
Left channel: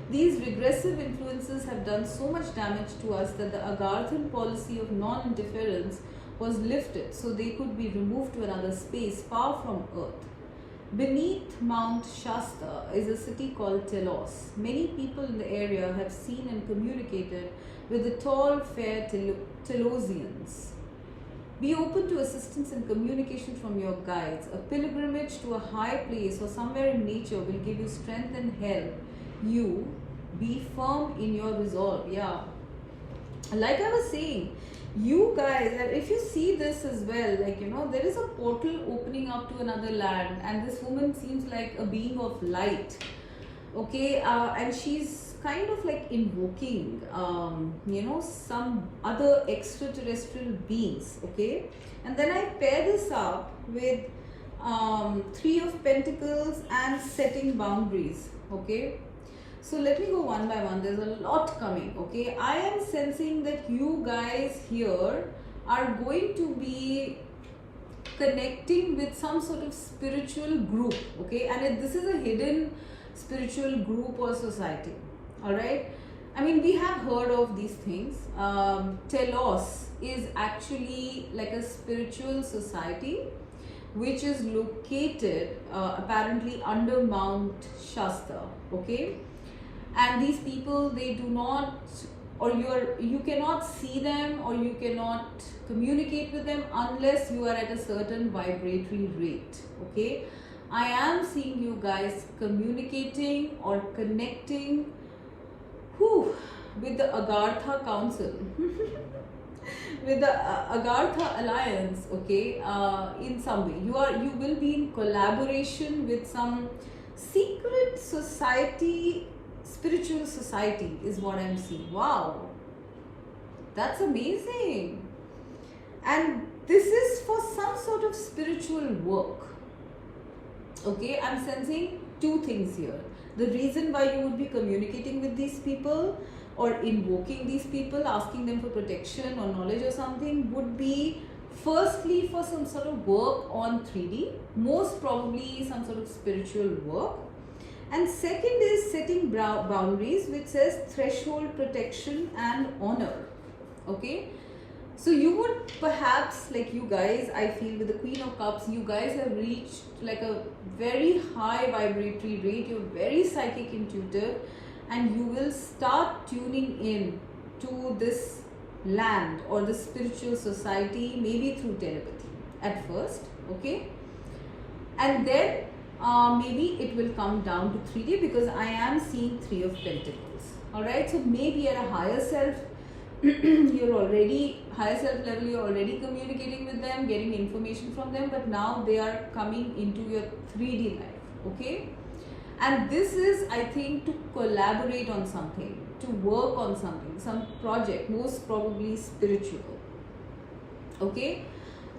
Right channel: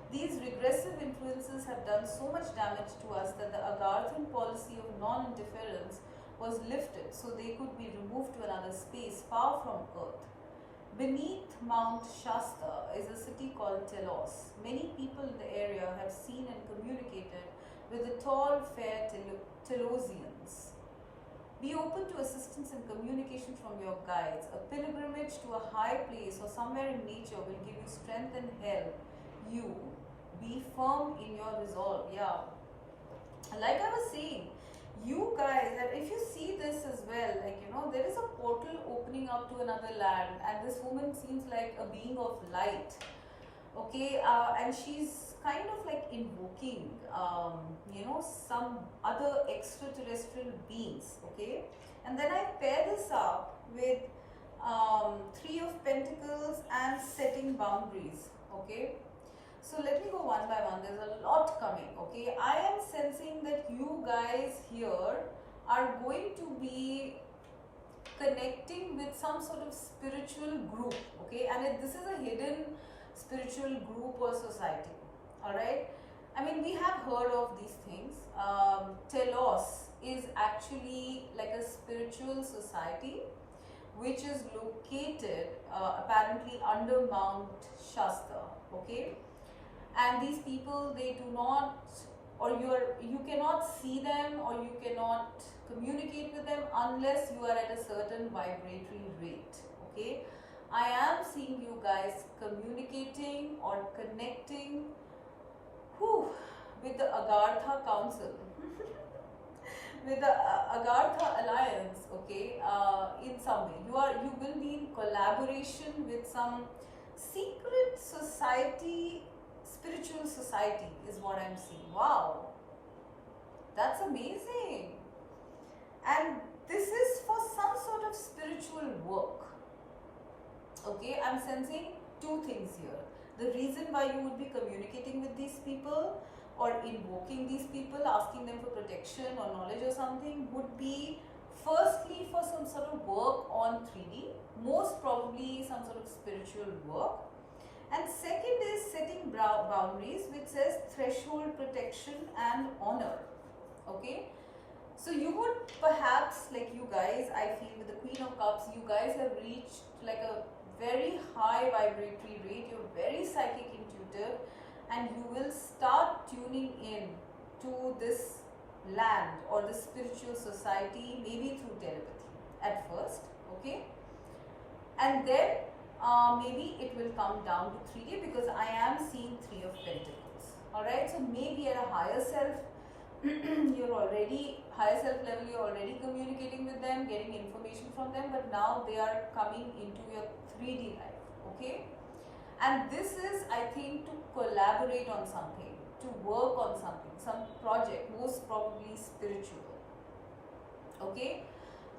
These regressive influences have done so much damage to us that the Agarthan policy of non-interference was lifted so they could be removed to another space far from Earth. Beneath Mount Shasta is a city called Telos. Many people in the area have seen and communicated with the tall, fair Telosians. Be open to assistance and communication from your guides. A pilgrimage to a high place or somewhere in nature will give you strength and help you be firm in your resolve. Yeah, like I was saying, you guys, and if you see this as well, like, you know, there is a portal opening up to another land, and this woman seems like a being of light, okay, and she's kind of like invoking you know, some other extraterrestrial beings, okay. And then I pair this up with Three of Pentacles and setting boundaries, okay. So let me go one by one. There's a lot coming, okay. I am sensing that you guys here are going to be connecting with some sort of spiritual group, okay. And this is a hidden spiritual group or society, all right. I mean, we have heard of these things. Telos is actually like a spiritual society which is located apparently under Mount Shasta, okay. And these people, they do not, or you cannot see them or you cannot communicate with them unless you are at a certain vibratory rate, okay. I am seeing you guys communicating or connecting with the Agartha Council, with the Agartha Alliance, okay. In some way, you will be in collaboration with some secret society, spiritual society is what I'm seeing. Wow, that's amazing. And this is for some sort of spiritual work, okay. I'm sensing two things here. The reason why you would be communicating with these people or invoking these people, asking them for protection or knowledge or something, would be firstly for some sort of work on 3D, most probably some sort of spiritual work. And second is setting boundaries, which says threshold, protection and honor, okay. So you would perhaps, like you guys, I feel with the Queen of Cups, you guys have reached like a very high vibratory rate. You're very psychic, intuitive, and you will start tuning in to this land or the spiritual society, maybe through telepathy at first, okay. And then maybe it will come down to 3D, because I am seeing Three of Pentacles, all right. So maybe at a higher self, you're already higher self level, you're already communicating with them, getting information from them, but now they are coming into your 3D life, okay. And this is, I think, to collaborate on something, to work on something, some project, most probably spiritual, okay.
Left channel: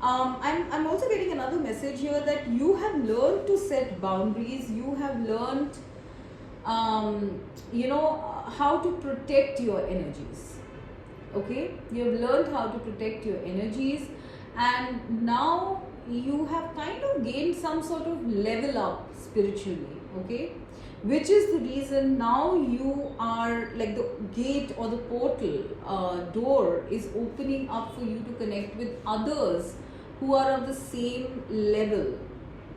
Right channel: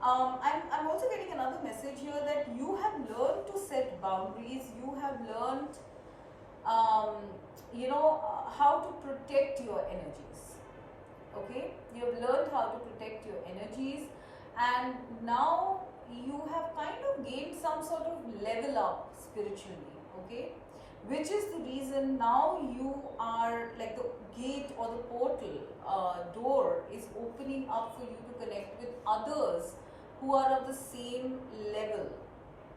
I'm also getting another message here that you have learned to set boundaries. You have learned you know, how to protect your energies, okay. You have learned how to protect your energies, and now you have kind of gained some sort of level up spiritually, okay, which is the reason now you are like the gate or the portal door is opening up for you to connect with others who are of the same level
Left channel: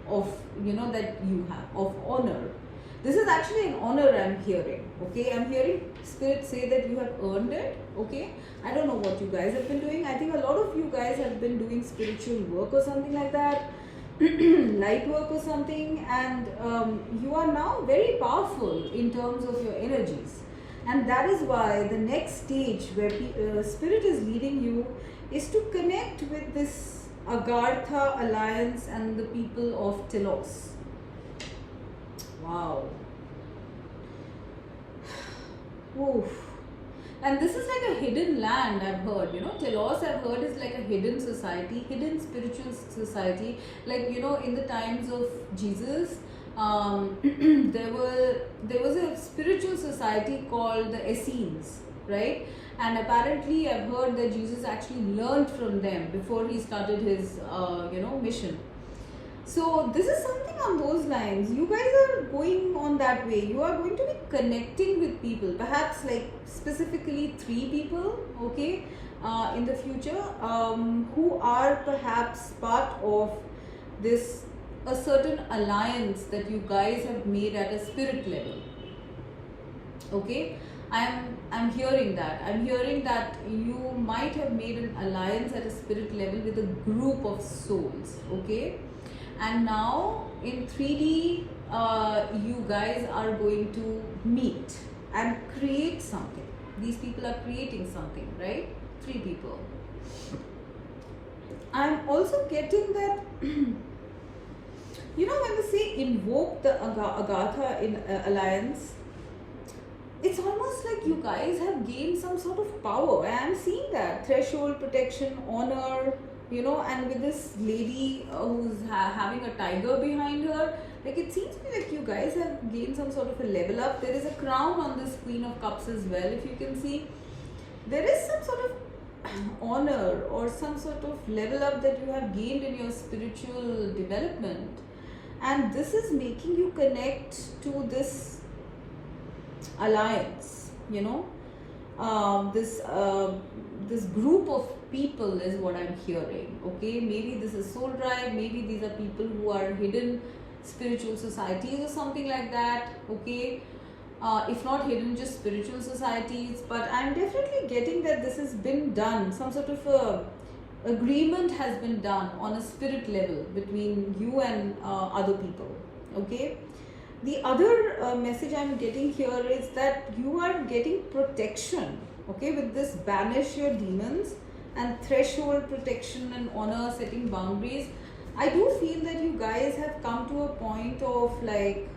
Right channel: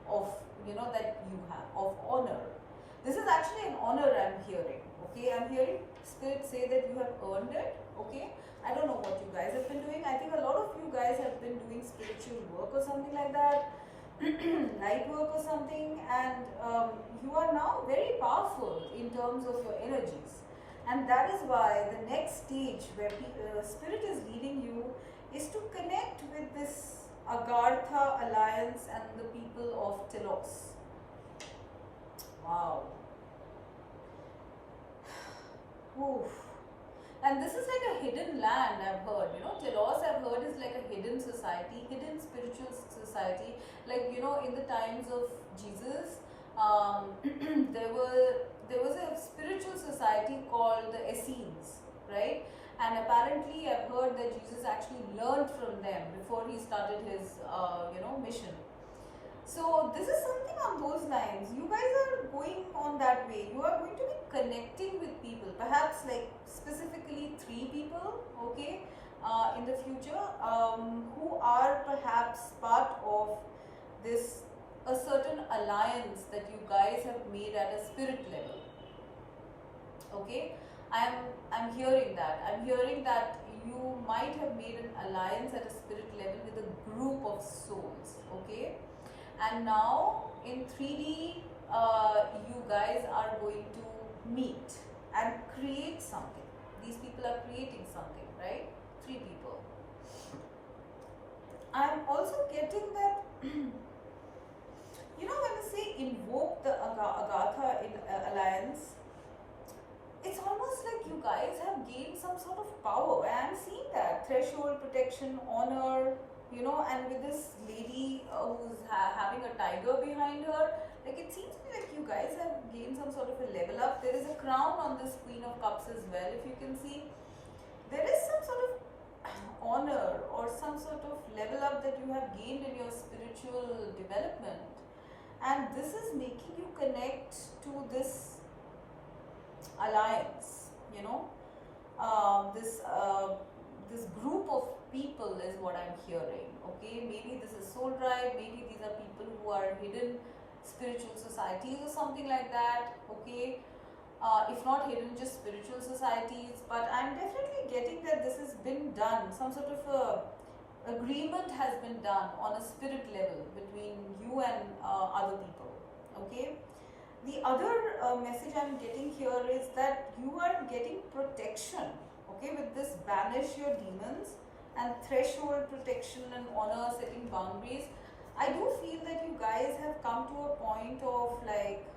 of, you know, that you have, of honor. This is actually an honor I'm hearing, okay. I'm hearing Spirit say that you have earned it, okay. I don't know what you guys have been doing. I think a lot of you guys have been doing spiritual work or something like that. light work or something, and you are now very powerful in terms of your energies. And that is why the next stage where spirit is leading you is to connect with this Agartha alliance and the people of Telos. Wow. Oof. And this is like a hidden land, I've heard. Telos, I've heard, is like a hidden society, hidden spiritual society. Like, in the times of Jesus, there was a spiritual society called the Essenes, right? And apparently, I've heard that Jesus actually learned from them before he started his, mission. So this is something on those lines. You guys are going on that way. You are going to be connecting with people, perhaps like specifically 3 people, okay, in the future, who are perhaps part of this, a certain alliance that you guys have made at a spirit level. Okay, I'm hearing that. I'm hearing that you might have made an alliance at a spirit level with a group of souls, okay? And now in 3D, you guys are going to meet and create something. These people are creating something, right? 3 people. I'm also getting that, when they say invoke the Agatha in alliance, it's almost like you guys have gained some sort of power. I am seeing that. Threshold, protection, honor, and with this lady who's having a tiger behind her, like it seems to me like you guys have gained some sort of a level up. There is a crown on this Queen of Cups as well, if you can see. There is some sort of honor or some sort of level up that you have gained in your spiritual development. And this is making you connect to this alliance, this group of people is what I'm hearing, okay? Maybe this is soul tribe, maybe these are people who are hidden spiritual societies or something like that, okay? If not hidden, just spiritual societies. But I'm definitely getting that this has been done, some sort of agreement has been done on a spirit level between you and other people, okay? The other message I'm getting here is that you are getting protection, okay, with this banish your demons and threshold, protection and honor, setting boundaries. I do feel that you guys have come to a point of like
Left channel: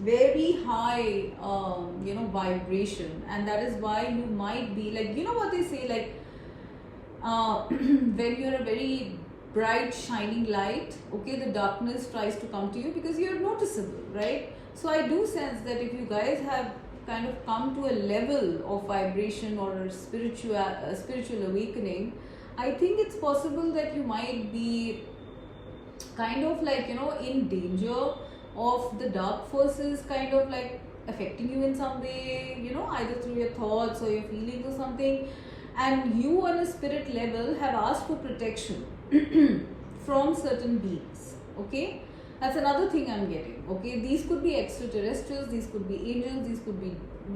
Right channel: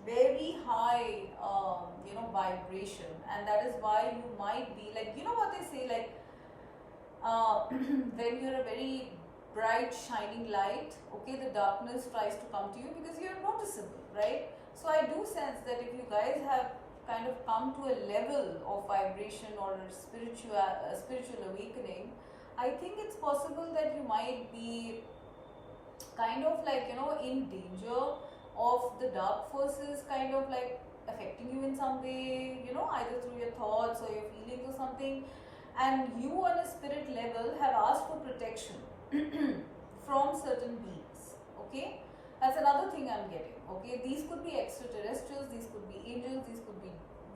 very high, vibration, and that is why you might be like, what they say, like when you're a very bright shining light, okay, the darkness tries to come to you because you're noticeable, right? So I do sense that if you guys have kind of come to a level of vibration or a spiritual awakening, I think it's possible that you might be kind of like, in danger of the dark forces kind of like affecting you in some way, either through your thoughts or your feelings or something. And you on a spirit level have asked for protection from certain beings, okay? That's another thing I'm getting, okay? These could be extraterrestrials, these could be angels, these could be,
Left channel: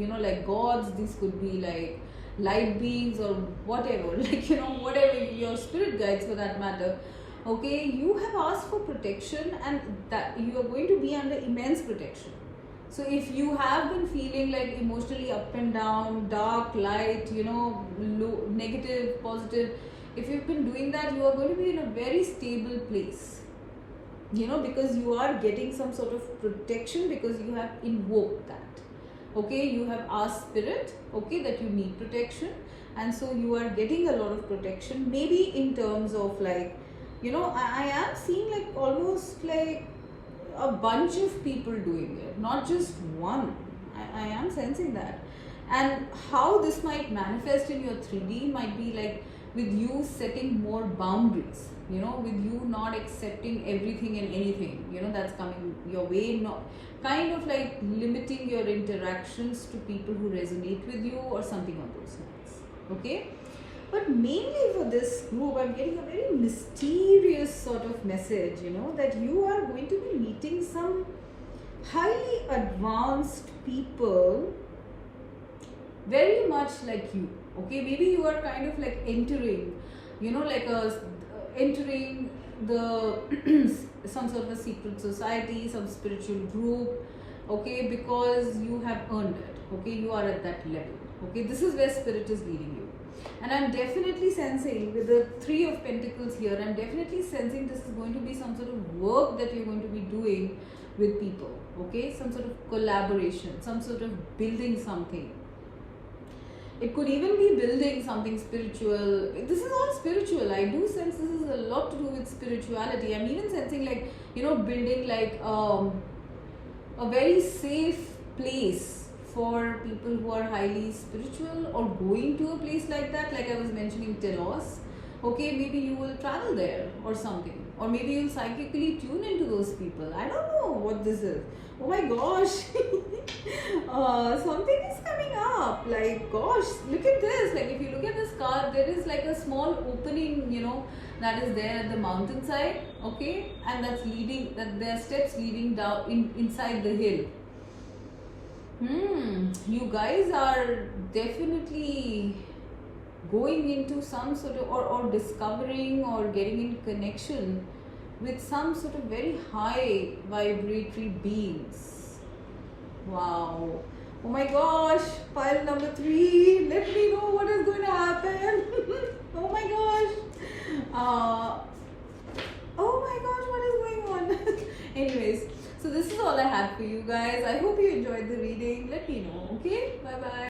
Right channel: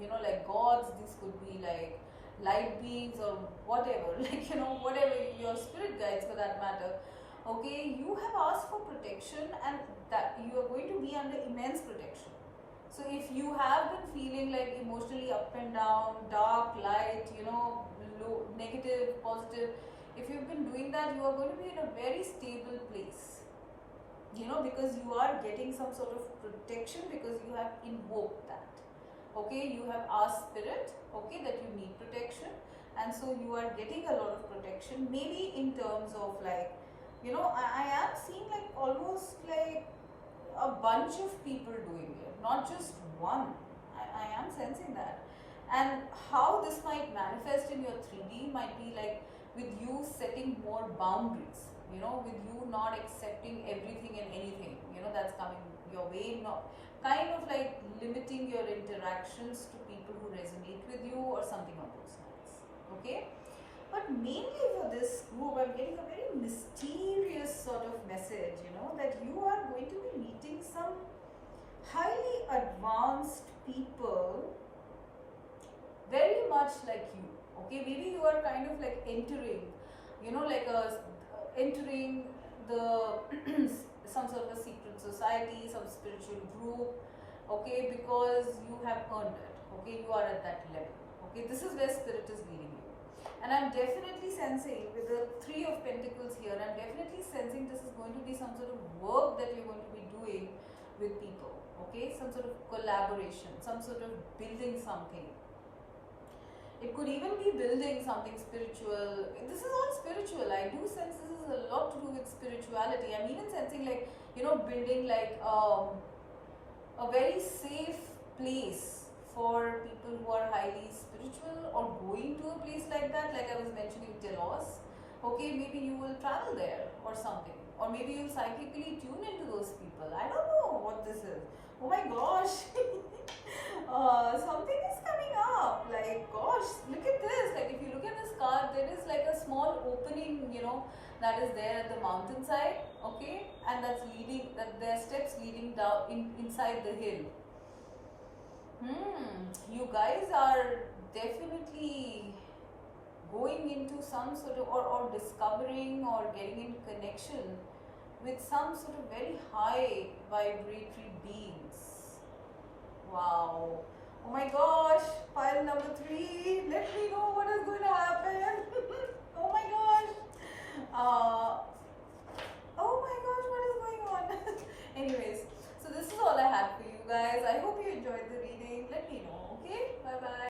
like gods, these could be like light beings or whatever, like, whatever your spirit guides for that matter, okay? You have asked for protection and that you are going to be under immense protection. So if you have been feeling like emotionally up and down, dark, light, low, negative, positive, if you've been doing that, you are going to be in a very stable place, because you are getting some sort of protection because you have invoked that, okay? You have asked spirit, okay, that you need protection, and so you are getting a lot of protection, maybe in terms of like, I am seeing like almost like a bunch of people doing it, not just one. I am sensing that. And how this might manifest in your 3D might be like with you setting more boundaries, with you not accepting everything and anything, that's coming your way, not kind of like limiting your interactions to people who resonate with you or something on those lines, okay? But mainly for this group, I'm getting a very mysterious sort of message, that you are going to be meeting some highly advanced people, very much like you, okay? Maybe you are kind of like entering, entering the some sort of a secret society, some spiritual group, okay, because you have earned it, okay, you are at that level, okay. This is where spirit is leading you. And I'm definitely sensing with the Three of Pentacles here, I'm definitely sensing this is going to be some sort of work that you're going to be doing with people, okay, some sort of collaboration, some sort of building something. It could even be building something spiritual. This is all spiritual. I do sense this is a lot to do with spirituality. I'm even sensing, like, you know, building like a very safe place for people who are highly spiritual, or going to a place like that, like I was mentioning Telos. Okay, maybe you will travel there or something, or maybe you'll psychically tune into those people. I don't know what this is. Oh my gosh. Something is coming up. Like, gosh, look at this. Like, if you look at this card, there is like a small opening, you know, that is there at the mountainside, okay, and that's leading, that there are steps leading down inside the hill. You guys are definitely going into some sort of, or discovering or getting in connection with some sort of very high vibratory beings. Wow. Oh my gosh, pile number 3. Let me know what is going to happen. Oh my gosh. Oh my gosh, what is going on? Anyways, so this is all I had for you guys. I hope you enjoyed the reading. Let me know, okay? Bye bye.